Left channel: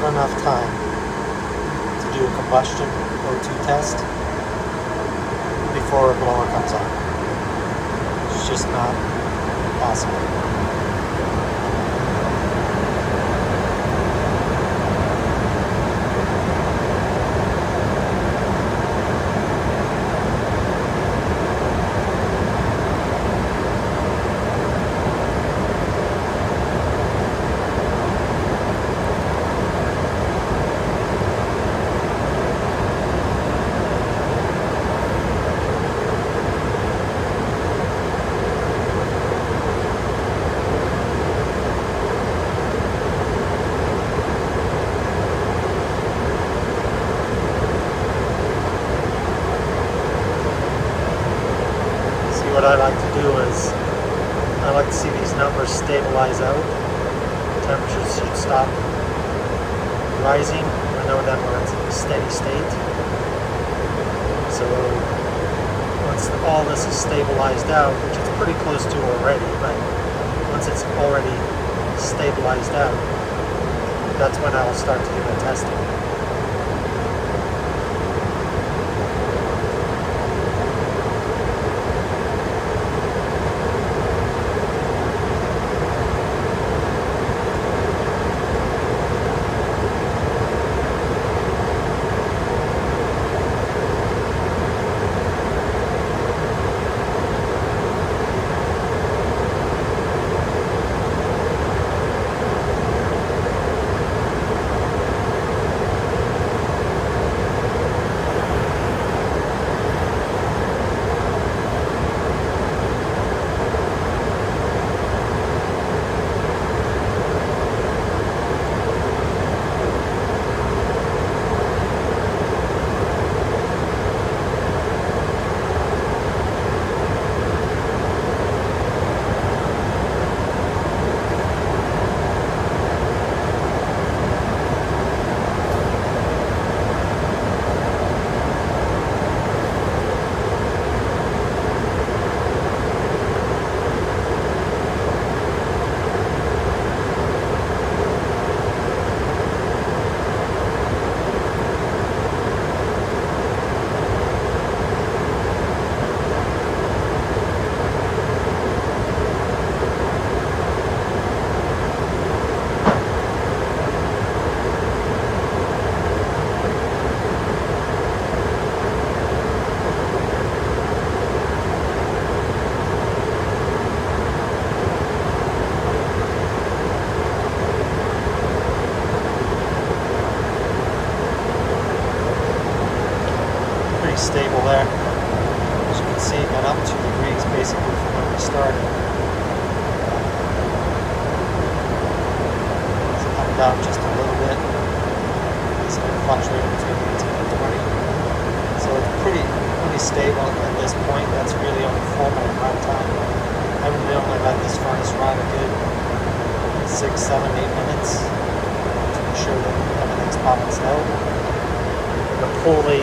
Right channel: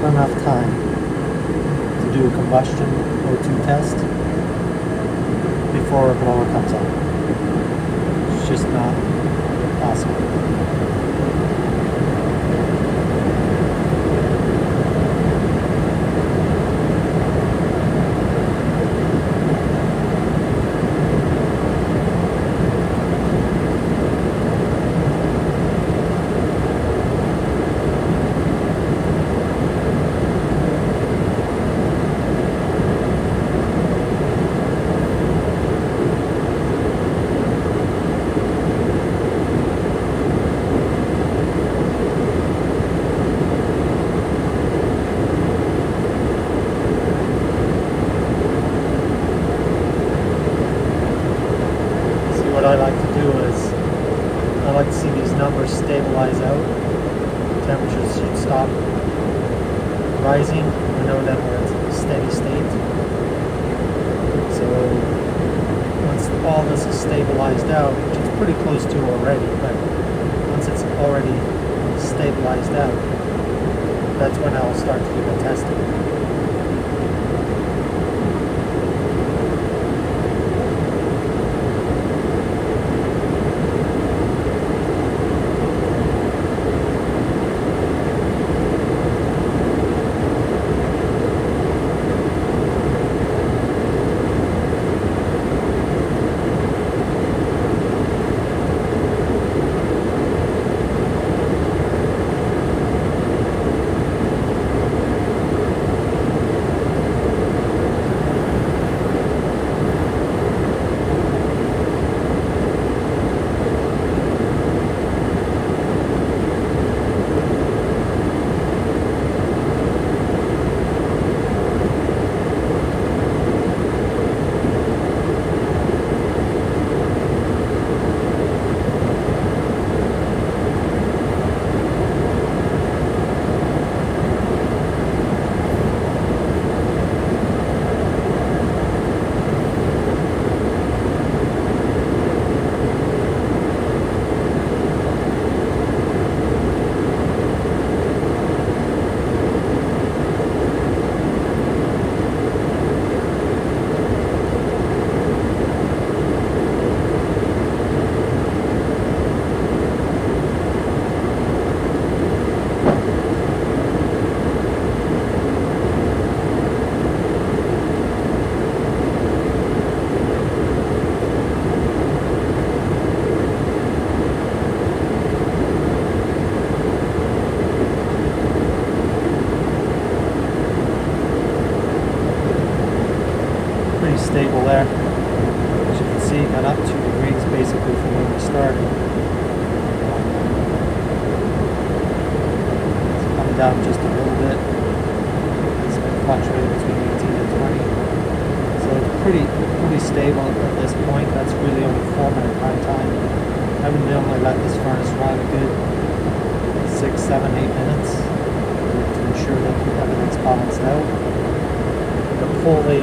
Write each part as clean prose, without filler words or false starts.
not enough time to do a combustion O2 test before our blower comes on. It's just not possible. See these numbers stabilize out. Temperatures should stop rising. I know that it's in a steady state. So once all this is stabilized out, which it's pretty close to already, but once it's already stabilized out, that's when I'll start to do the testing. Stable there. As you can see, it got up 2 degrees basically from when we started. It's come down just a little bit. It's fluctuating between 18 and 20. So it's pretty stable at this point. That's really only 4-minute run time. I'm going to let this furnace run a good 6, 7, 8 minutes to ensure that everything's pumping still. Pull the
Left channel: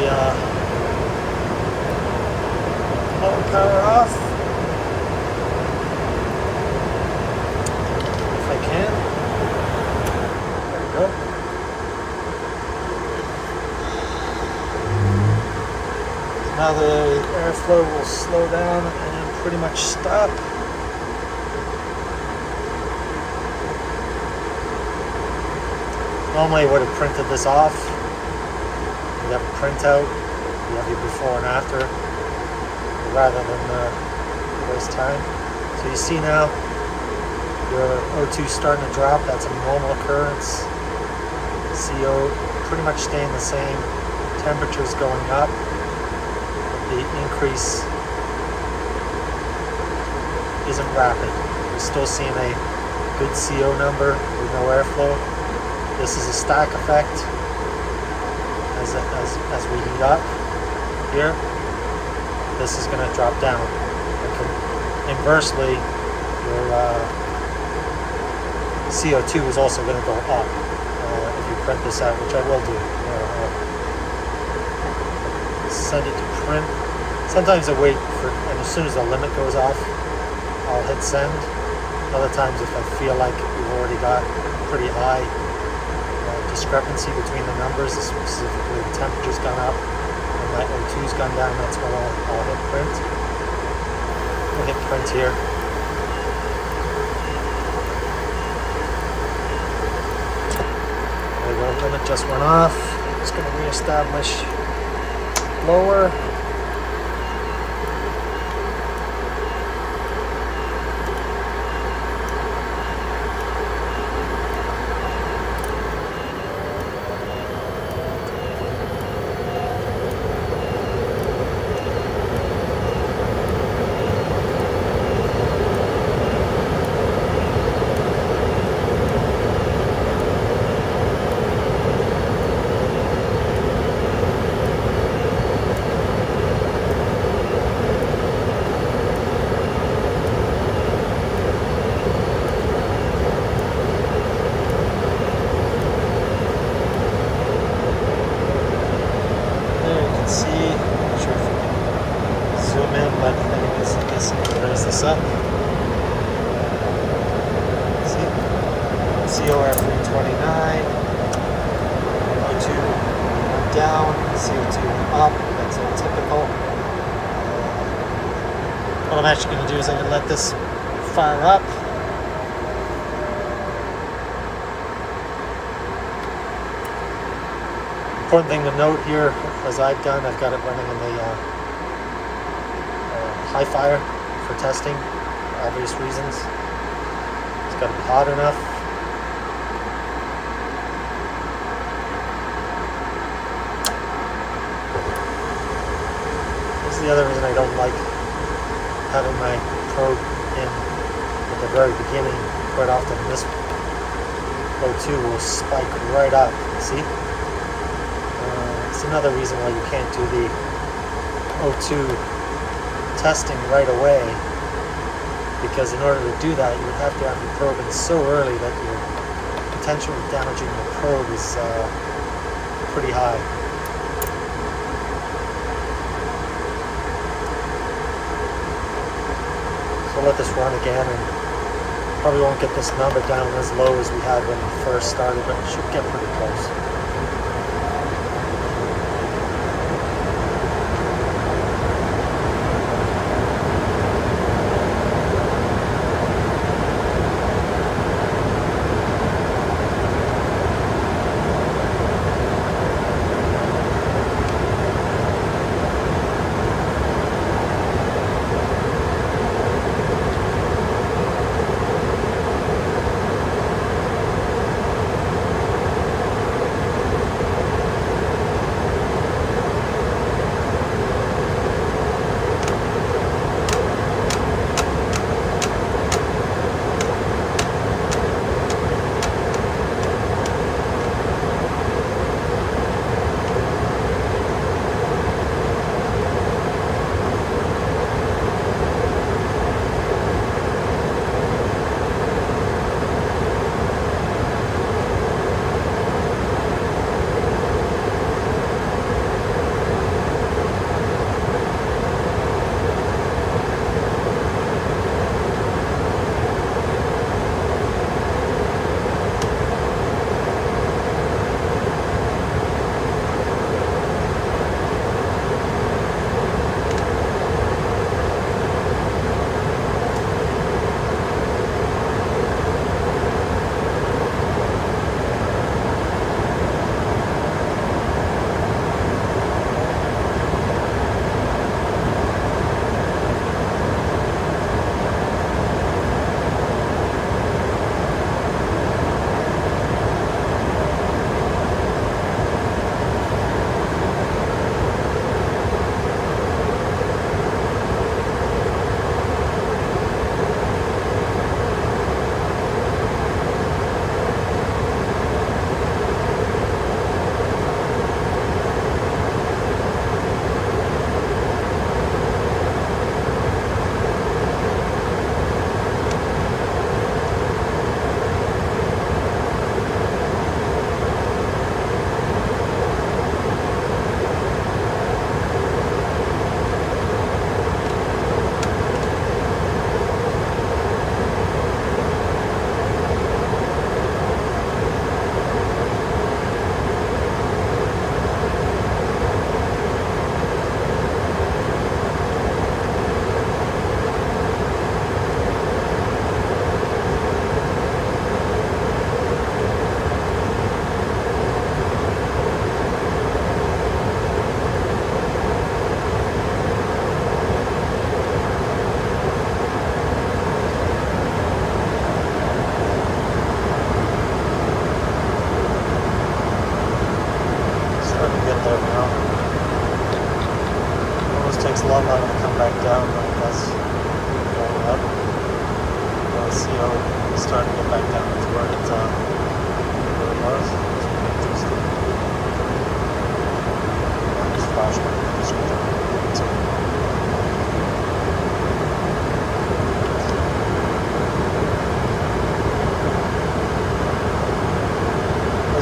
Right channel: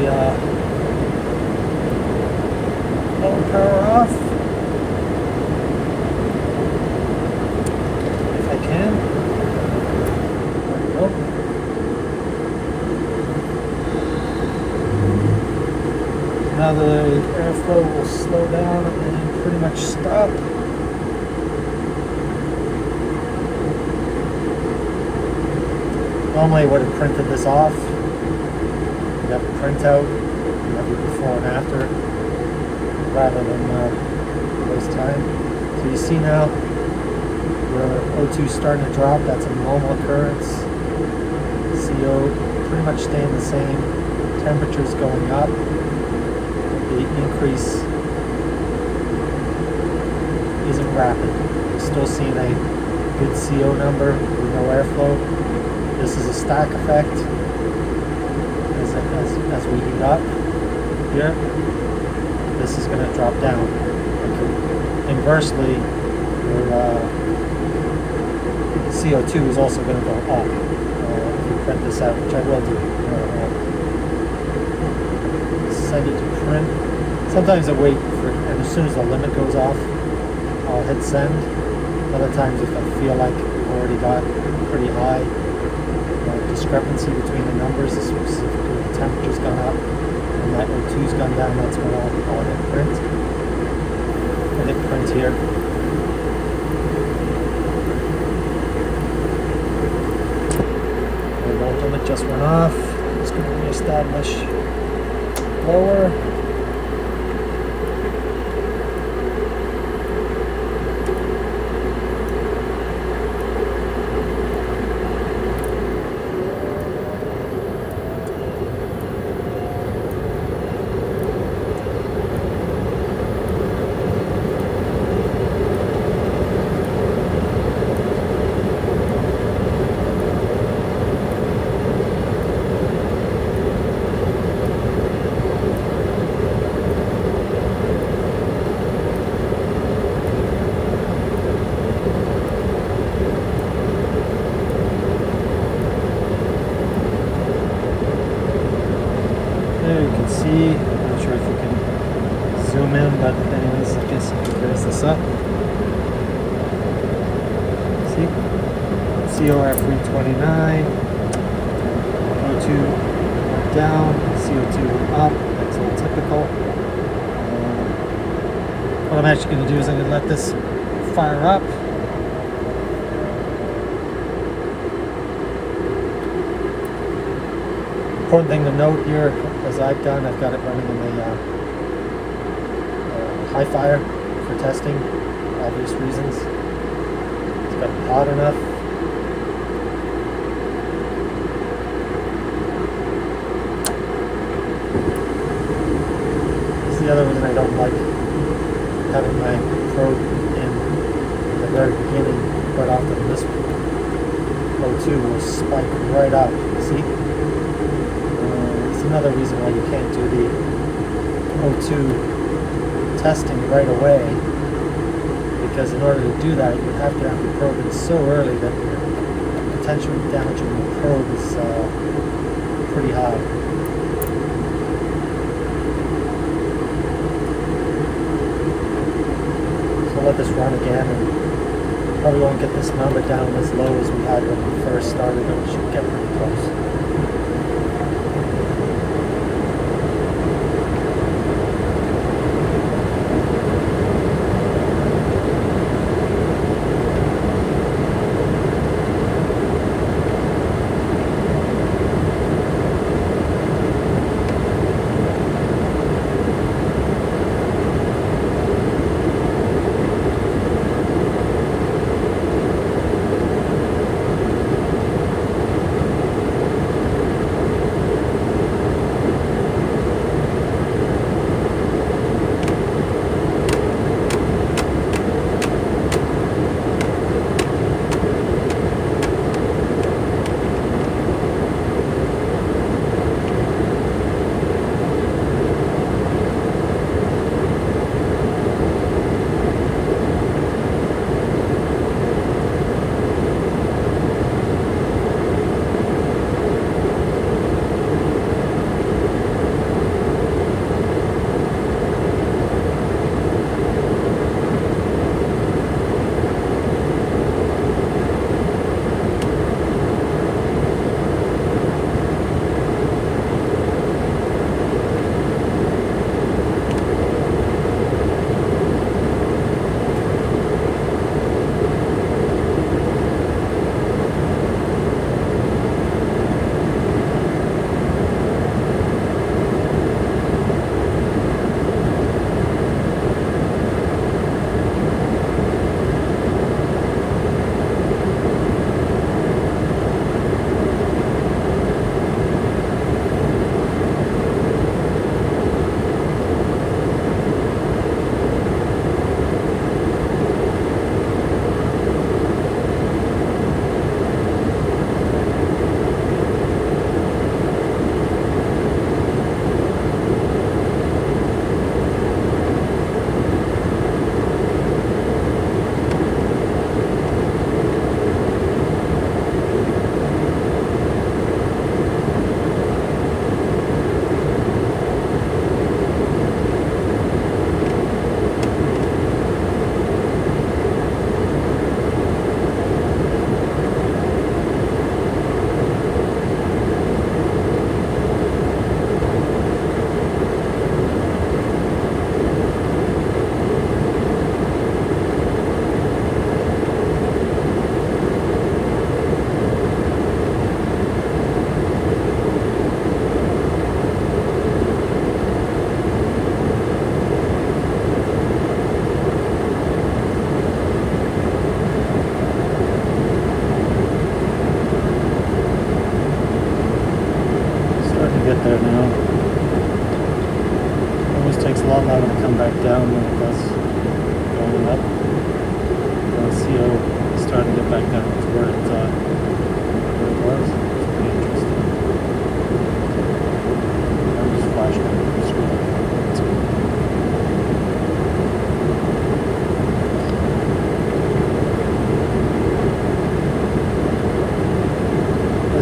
power off if I can. Oh. Now the airflow will slow down and then pretty much stop. Normally I would have printed this off. You have a printout, maybe before and after, rather than waste time. So you see now the O2 starting to drop. That's a normal occurrence. CO pretty much staying the same. Temperatures going up. The increase isn't rapid. We're still seeing a good CO number with no airflow. This is a stack effect as we heat up here. This is going to drop down. Okay. Inversely, CO2 is also going to go up. If you print this out, which I will do. Send it to print. Sometimes I wait for, and as soon as the limit goes off, I'll hit send. Other times, if I feel like I've already got pretty high, I'll discrepancy between the numbers, specifically the temperature's gone up and that O2's gone down. That's when we print. We hit print here. The oil limit just went off. I'm just going to reestablish lower. COF 329, O2 down, CO2 up, that's typical. What I'm actually going to do is I'm going to let this fire up. Important thing to note here, as I've done, I've got it running in the high fire for testing, obvious reasons. It's got to be hot enough. This is the other reason I don't like having my probe in the very beginning, right off to the this O2 will spike right up. See? It's another reason why you can't do the O2 testing right away, because in order to do that you would have to have your probe in so early that the potential of damaging your probe is pretty high. So let this run again, and probably won't get this number down as low as we had when we first started, but it should get pretty close.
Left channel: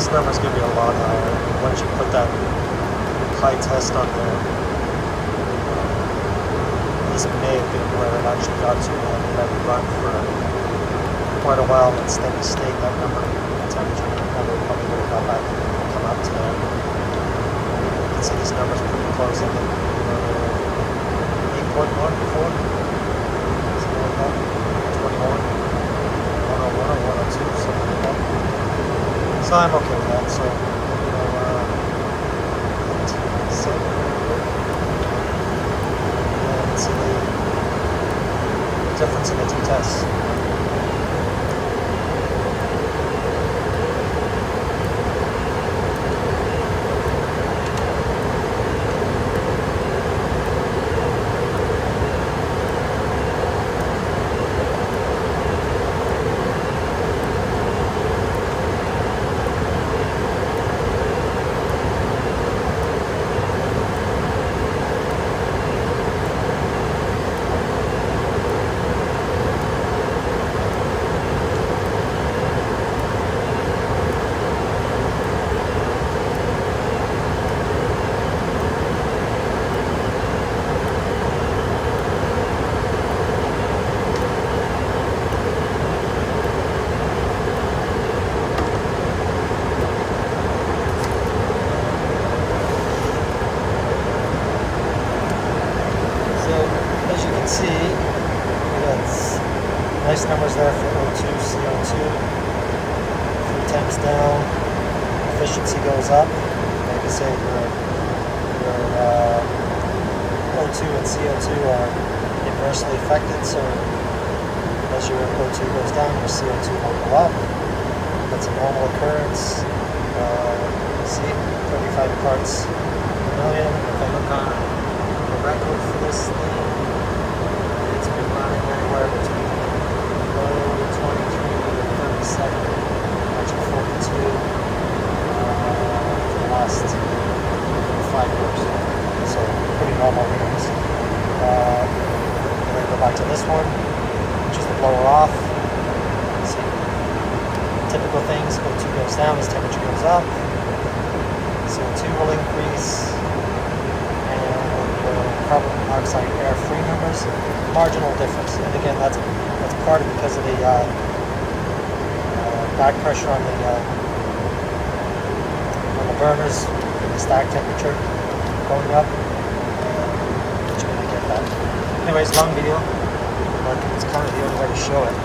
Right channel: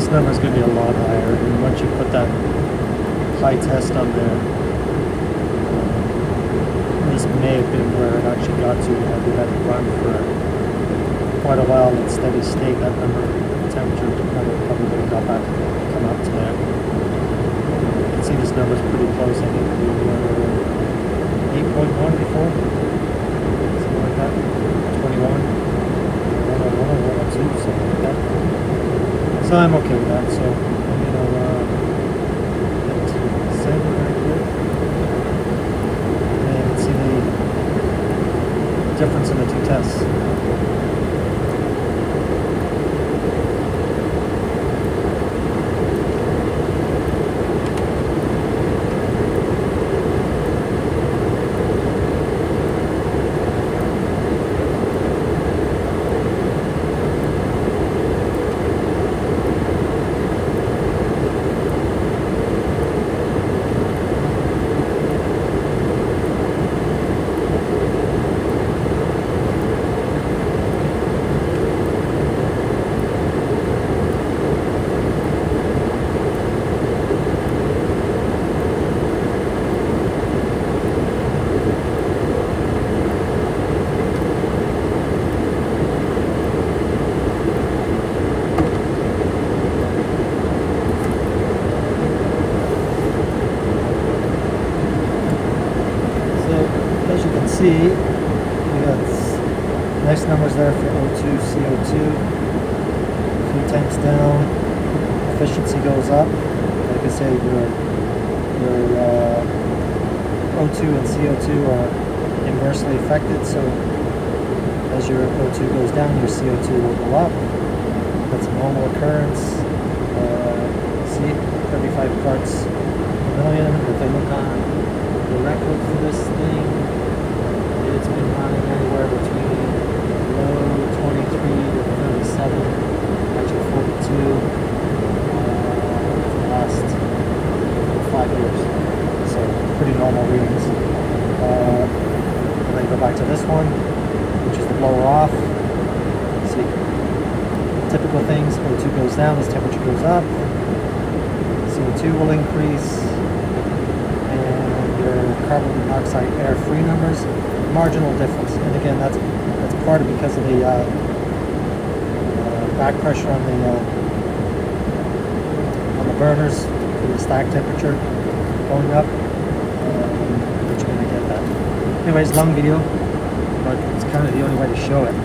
this number is going to be a lot higher. And once you put that high test on there, this may have been where it actually got to. We had it run for quite a while in steady state. That number, the temperature number, probably would go back and come up to there. You can see this number is pretty close. I think 8.1 before, something like that. 21, 101, 102, something like that. So I'm okay with that. So and see the difference in the two tests. See, that's nice numbers there for O2, CO2. A few temps down, efficiency goes up. Like I say, your O2 and CO2 are inversely affected, so as your O2 goes down, your CO2 will go up. That's a normal occurrence. See, 35 parts per million. If you look on the record for this thing, it's been running anywhere between low 23 to 37, actually 42 for the last 5 years. So pretty normal readings. I go back to this one, which is the blower off. See, typical things, O2 goes down as temperature goes up. CO2 will increase. Carbon monoxide air-free numbers, marginal difference. And again, that's part of it because of the back pressure on the burners, the stack temperature going up. But you're going to get that. Anyways, long video, but it's kind of the only way to show it.